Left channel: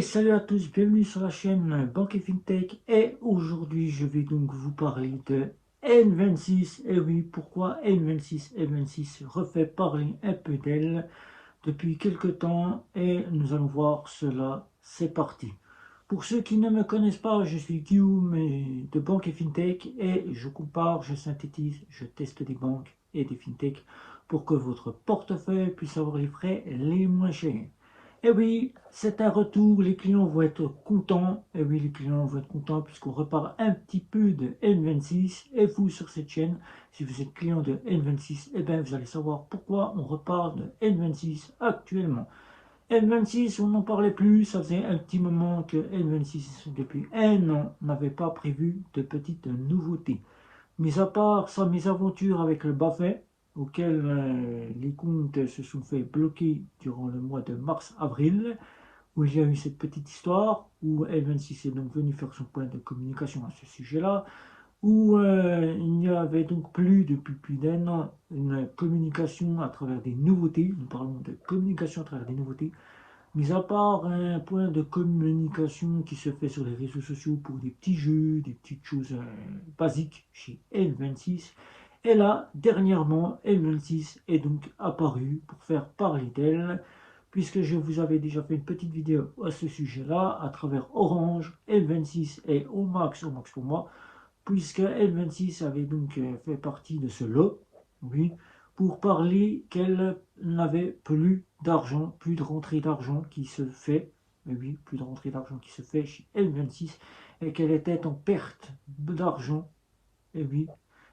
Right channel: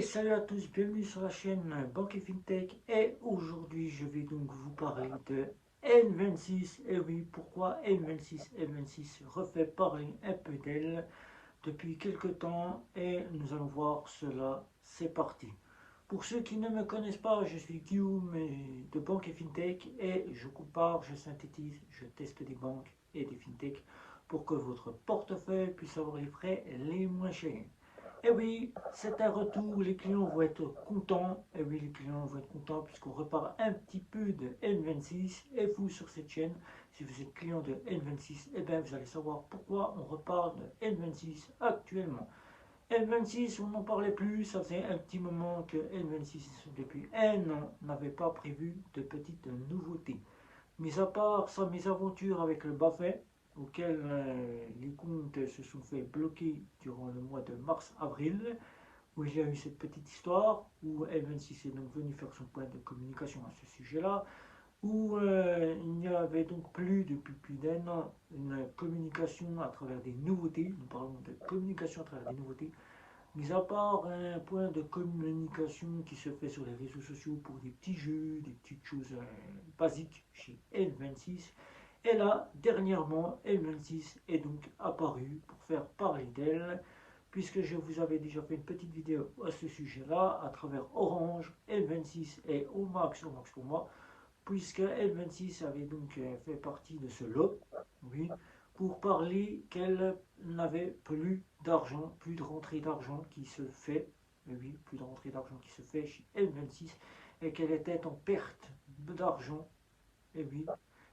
Et salut à tous, bienvenue sur la chaîne Banque et FinTech. Et aujourd'hui, je vais donc vous parler de N26. Et oui, pourquoi N26? N26 refait parler un peu d'elle depuis quelques temps et nous allons voir cela. C'est parti. Pour ceux qui ne me connaissent pas, je suis Guillaume de Banque et FinTech et je compare, je synthétise, je teste des banques et des FinTech pour que votre portefeuille puisse avoir les frais les moins chers. Et oui, c'est un retour, les clients vont être contents. Et oui, les clients vont être contents puisqu'on repart un petit peu de N26. Et vous, sur cette chaîne, si vous êtes client de N26, eh bien, vous allez savoir pourquoi on repart de N26 actuellement. N26, on n'en parlait plus, ça faisait un petit moment que N26, depuis un an, n'avait pas prévu de petites nouveautés. Mis à part sa mésaventure avec le BaFin, auquel les comptes se sont fait bloquer durant le mois de mars-avril, où il y a eu cette petite histoire, où N26 est donc venu faire son point de communication à ce sujet-là, où il n'y avait donc plus, depuis plus d'un an, une communication à travers des nouveautés. Nous parlons de communication à travers des nouveautés. Mis à part un point de communication qui se fait sur les réseaux sociaux pour des petits jeux, des petites choses basiques chez N26. Et là, dernièrement, N26 est donc apparu pour faire parler d'elle, puisque je vous avais déjà fait une petite vidéo à ce sujet-là, à travers Orange. N26 est au max pour moi, puisque N26 avait donc fait partie de ce lot, oui, pour parler qu'elle n'avait plus d'argent, plus de rentrée d'argent qui se fait, oui, plus de rentrée d'argent qui se fait chez N26, et qu'elle était en perte d'argent, et oui,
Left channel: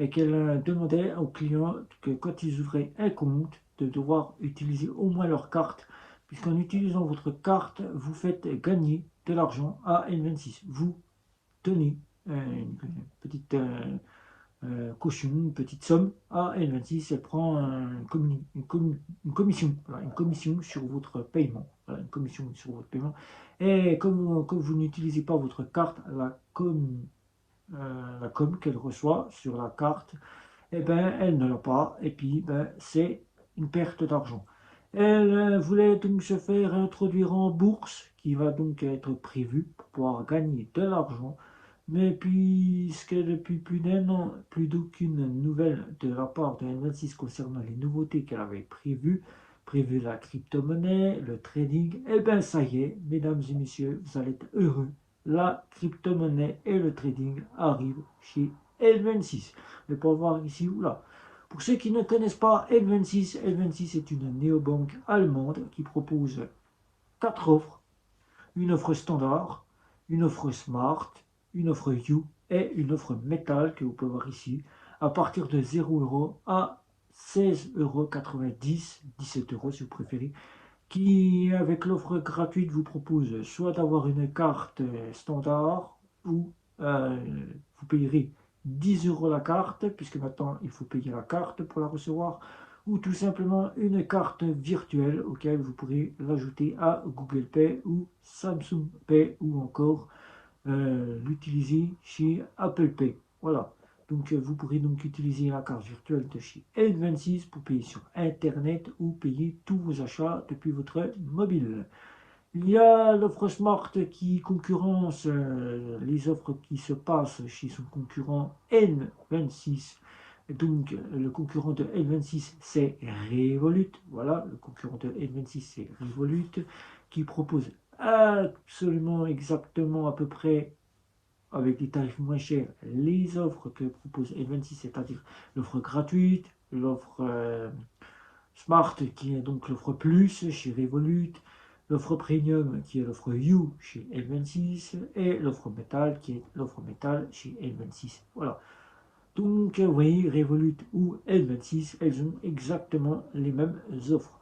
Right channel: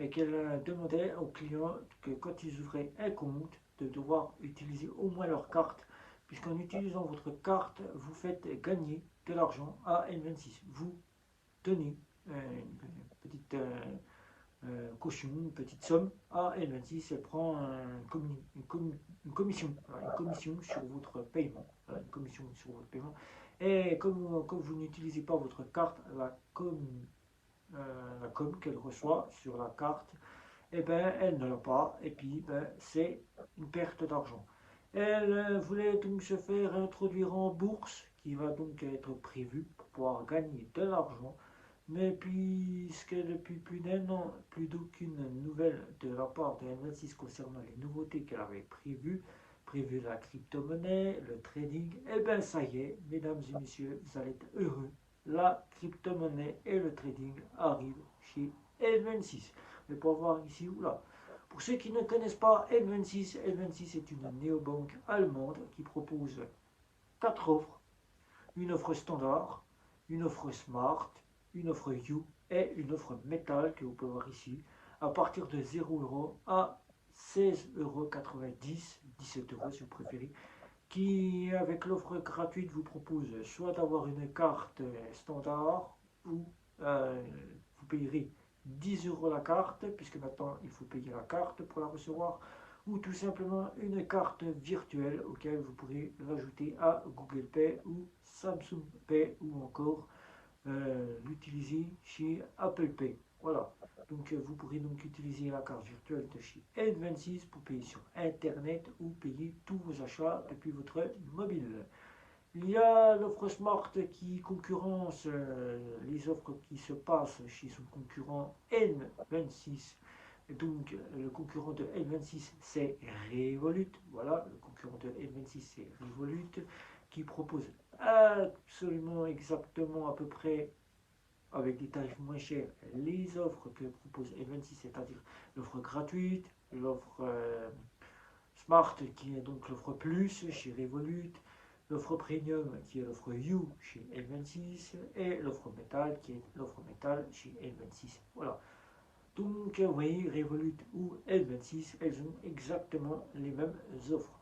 et qu'elle demandait aux clients que quand ils ouvraient un compte, de devoir utiliser au moins leur carte, puisqu'en utilisant votre carte, vous faites gagner de l'argent à N26. Vous tenez une petite caution, une petite somme à N26, elle prend une commission, voilà, une commission sur votre paiement. Voilà, une commission sur votre paiement. Et comme vous n'utilisez pas votre carte, la com qu'elle reçoit sur la carte, eh ben, elle ne l'a pas, et puis ben, c'est une perte d'argent. Elle voulait donc se faire introduire en bourse, qui va donc être prévue pour pouvoir gagner de l'argent. Mais puisque depuis plus d'un an, plus d'aucune nouvelle de la part de N26 concernant les nouveautés qu'elle avait prévu la crypto-monnaie, le trading, eh bien ça y est, mesdames et messieurs, vous allez être heureux. La crypto-monnaie et le trading arrivent chez N26. Mais pour voir ici ou là. Pour ceux qui ne connaissent pas N26, N26 est une néobanque allemande qui propose 4 offres. Une offre standard, une offre smart, une offre You et une offre métal que vous pouvez voir ici à partir de 0 € à 16,90 €, 17 € si vous préférez, qui avec l'offre gratuite vous propose soit d'avoir une carte standard ou vous payerez 10 € la carte, puisque maintenant il faut payer la carte pour la recevoir, ou tout simplement une carte virtuelle auquel vous pourrez l'ajouter à Google Pay ou Samsung Pay ou encore l'utiliser chez Apple Pay. Voilà. Donc vous pourrez donc utiliser la carte virtuelle de chez N26 pour payer sur Internet ou payer tous vos achats depuis votre mobile. Il y a l'offre Smart qui concurrence les offres qui se passent chez son concurrent N26. Donc le concurrent de N26 c'est Revolut. Voilà, le concurrent de N26 c'est Revolut qui propose absolument exactement à peu près avec des tarifs moins chers les offres que propose N26, c'est-à-dire l'offre gratuite, l'offre Smart qui est donc l'offre Plus chez Revolut, l'offre Premium qui est l'offre You chez N26 et l'offre Metal qui est l'offre Metal chez N26. Voilà. Donc, vous voyez, Revolut ou N26, elles ont exactement les mêmes offres.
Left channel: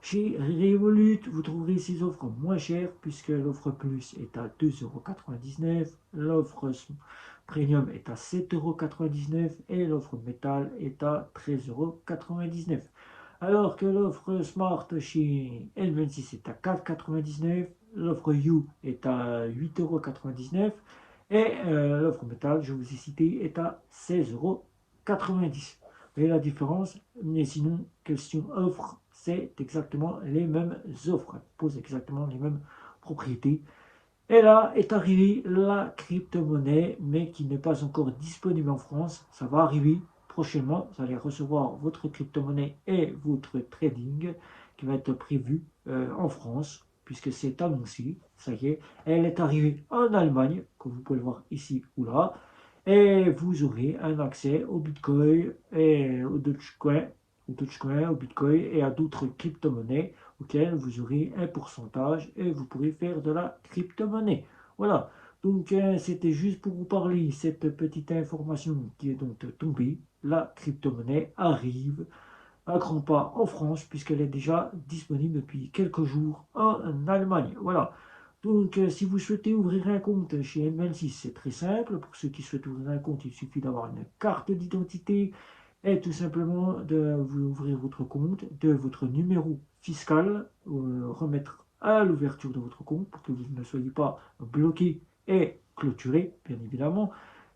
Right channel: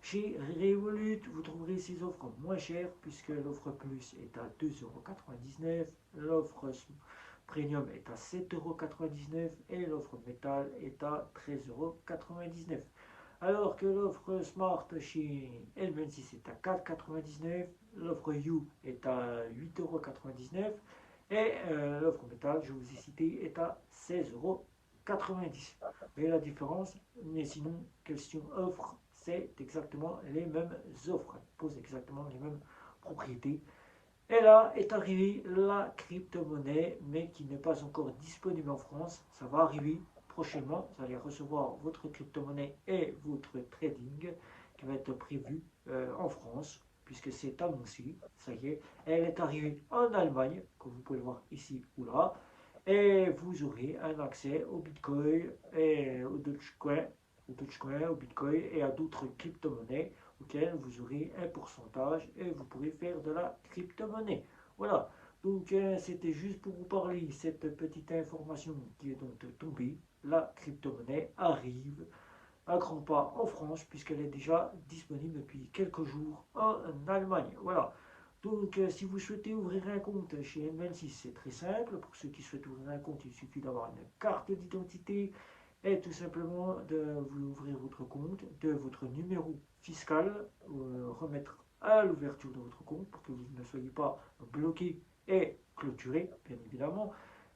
Chez Revolut, vous trouverez ces offres moins chères puisque l'offre Plus est à 2,99 €, l'offre Premium est à 7,99 € et l'offre Metal est à 13,99 €. Alors que l'offre Smart chez N26 est à 4,99 €, l'offre You est à 8,99 € et l'offre Metal, je vous ai cité, est à 16,90 €. Vous voyez la différence? Mais sinon, question offre, c'est exactement les mêmes offres. Elles posent exactement les mêmes propriétés. Et là est arrivée la crypto-monnaie, mais qui n'est pas encore disponible en France. Ça va arriver prochainement. Vous allez recevoir votre crypto-monnaie et votre trading qui va être prévu en France, puisque c'est annoncé. Ça y est, elle est arrivée en Allemagne, comme vous pouvez le voir ici ou là. Et vous aurez un accès au Bitcoin et au Bitcoin et à d'autres crypto-monnaies auquel vous aurez un pourcentage et vous pourrez faire de la crypto-monnaie. Voilà, donc c'était juste pour vous parler cette petite information qui est donc tombée. La crypto-monnaie arrive à grands pas en France puisqu'elle est déjà disponible depuis quelques jours en Allemagne. Voilà. Donc, si vous souhaitez ouvrir un compte chez N26, c'est très simple. Pour ceux qui souhaitent ouvrir un compte, il suffit d'avoir une carte d'identité et tout simplement de vous ouvrir votre compte, de votre numéro fiscal, remettre à l'ouverture de votre compte pour que vous ne soyez pas bloqué et clôturé, bien évidemment.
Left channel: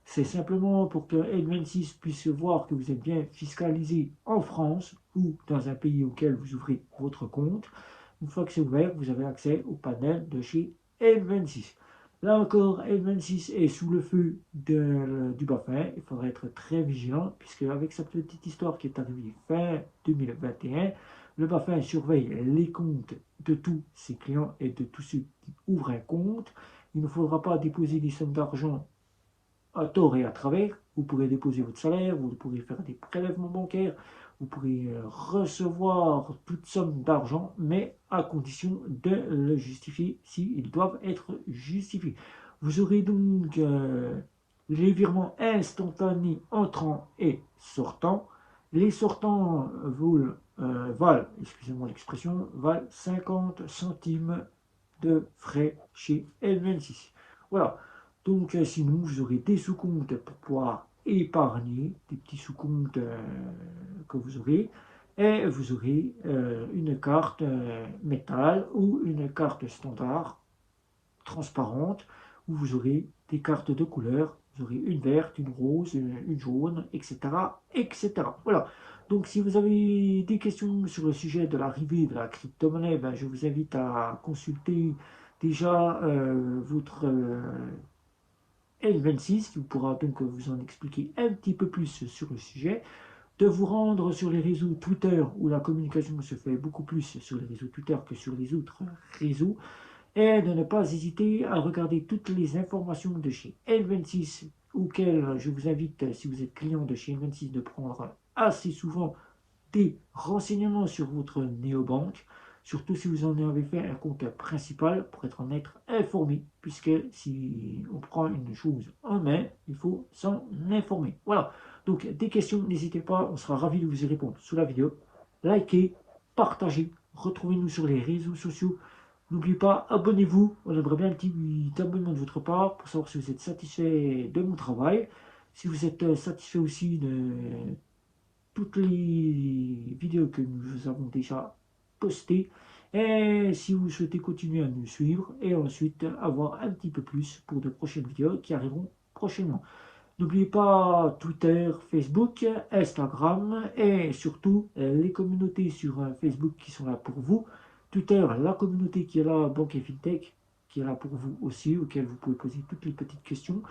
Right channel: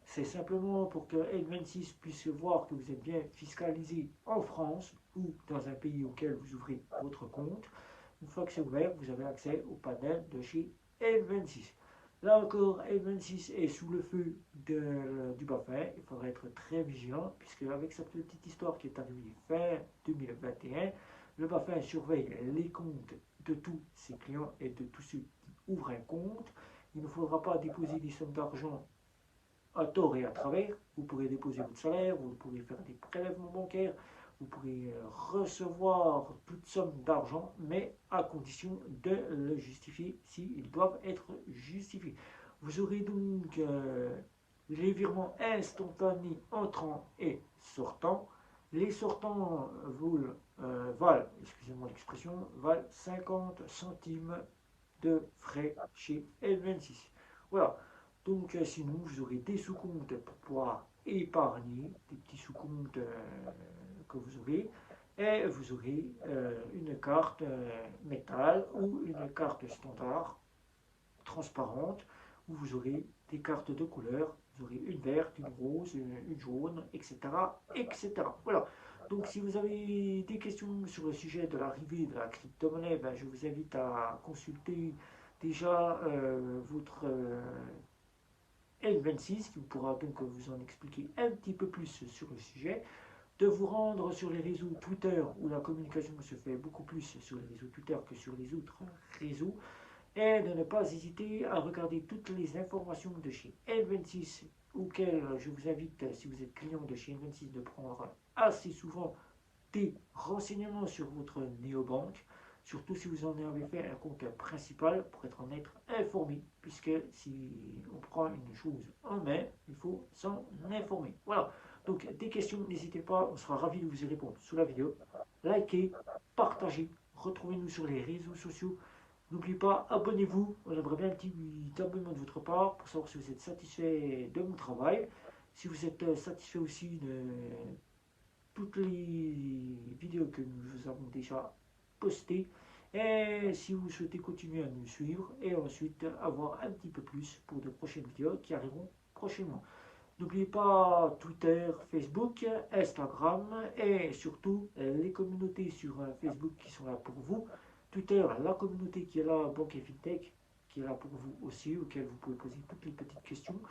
C'est simplement pour que N26 puisse voir que vous êtes bien fiscalisé en France ou dans un pays auquel vous ouvrez votre compte. Une fois que c'est ouvert, vous avez accès au panel de chez N26. Là encore, N26 est sous le feu du Bafin. Il faudra être très vigilant, puisque avec cette petite histoire qui est arrivée fin 2021, le Bafin surveille les comptes de tous ses clients et de tous ceux qui ouvrent un compte. Il ne faudra pas déposer des sommes d'argent à tort et à travers. Vous pourrez déposer votre salaire, vous pourrez faire des prélèvements bancaires, vous pourrez recevoir toute somme d'argent, mais à condition de le justifier s'ils doivent être justifiés. Vous aurez donc les virements instantanés entrants et sortants. Les sortants valent, excusez-moi l'expression, valent 50 centimes de frais chez N26. Voilà. Donc, sinon, vous aurez des sous-comptes pour pouvoir épargner, des petits sous-comptes que vous aurez. Et vous aurez une carte métal ou une carte standard transparente où vous aurez des cartes de couleur. Vous aurez une verte, une rose, une jaune, etc., etc. Voilà. Donc, si vous avez des questions sur le sujet de l'arrivée de la crypto-monnaie, ben, je vous invite à consulter déjà votre N26 qui pourra donc vous en expliquer un petit peu plus sur le sujet, de vous rendre sur les réseaux Twitter où la communication se fait beaucoup plus sur les réseaux Twitter que sur les autres réseaux, et de ne pas hésiter à regarder toutes les informations de chez N26 auxquelles je vous invite, si vous êtes client de chez N26, de prendre assez souvent des renseignements sur votre néobanque, surtout si vous en avez fait un compte principal pour être informé, puisque si on prend une chose en main, il faut s'en informer. Voilà, donc des questions, n'hésitez pas, on sera ravis de vous y répondre sous la vidéo. Likez, partagez, retrouvez-nous sur les réseaux sociaux. N'oubliez pas, abonnez-vous, on aimerait bien un petit abonnement de votre part pour savoir si vous êtes satisfait de mon travail. Si vous êtes satisfait aussi de toutes les vidéos que nous avons déjà postées. Et si vous souhaitez continuer à nous suivre et ensuite avoir un petit peu plus pour de prochaines vidéos qui arriveront prochainement. N'oubliez pas Twitter, Facebook, Instagram et surtout les communautés sur Facebook qui sont là pour vous. Twitter, la communauté qui est là, Banque et FinTech, qui est là pour vous aussi, auquel vous pouvez poser toutes les petites questions.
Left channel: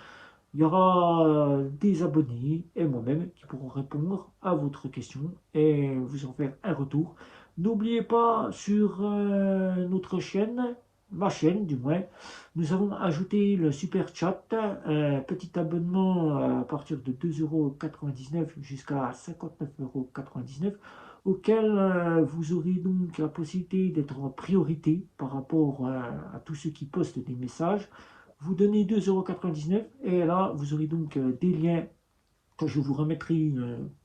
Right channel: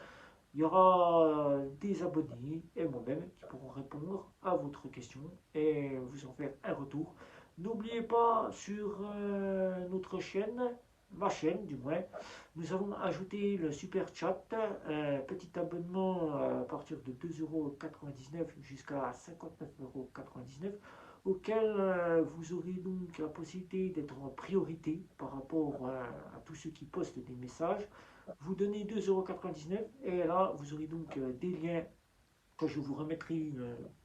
Il y aura des abonnés et moi-même qui pourront répondre à votre question et vous en faire un retour. N'oubliez pas sur notre chaîne, ma chaîne du moins, nous avons ajouté le super chat, un petit abonnement à partir de 2,99 € jusqu'à 59,99 € auquel vous aurez donc la possibilité d'être en priorité par rapport à tous ceux qui postent des messages. Vous donnez 2,99 € et là vous aurez donc des liens que je vous remettrai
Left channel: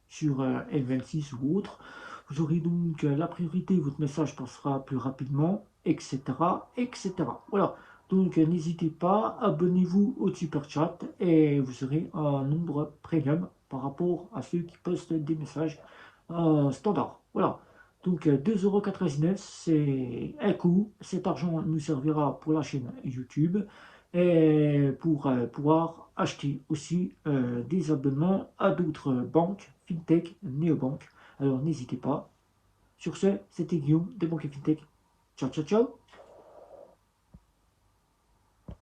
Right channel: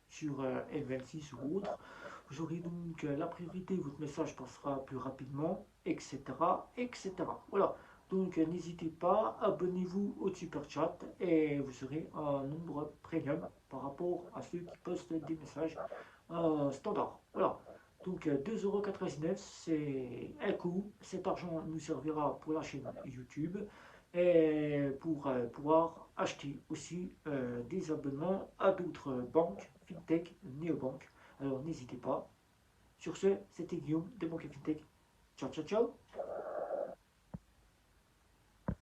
sur L26 ou autre. Vous aurez donc la priorité, votre message passera plus rapidement, etc. etc. Voilà, donc n'hésitez pas, abonnez-vous au super chat et vous serez un nombre premium par rapport à ceux qui postent des messages standards. Voilà. Donc 2,99 €, c'est un coût. Cet argent nous servira pour la chaîne YouTube et pour pouvoir acheter aussi des abonnements à d'autres banques, FinTech, néobanques. Alors n'hésitez pas. Sur ce, c'était Guillaume de Banque et FinTech. Ciao, ciao, ciao.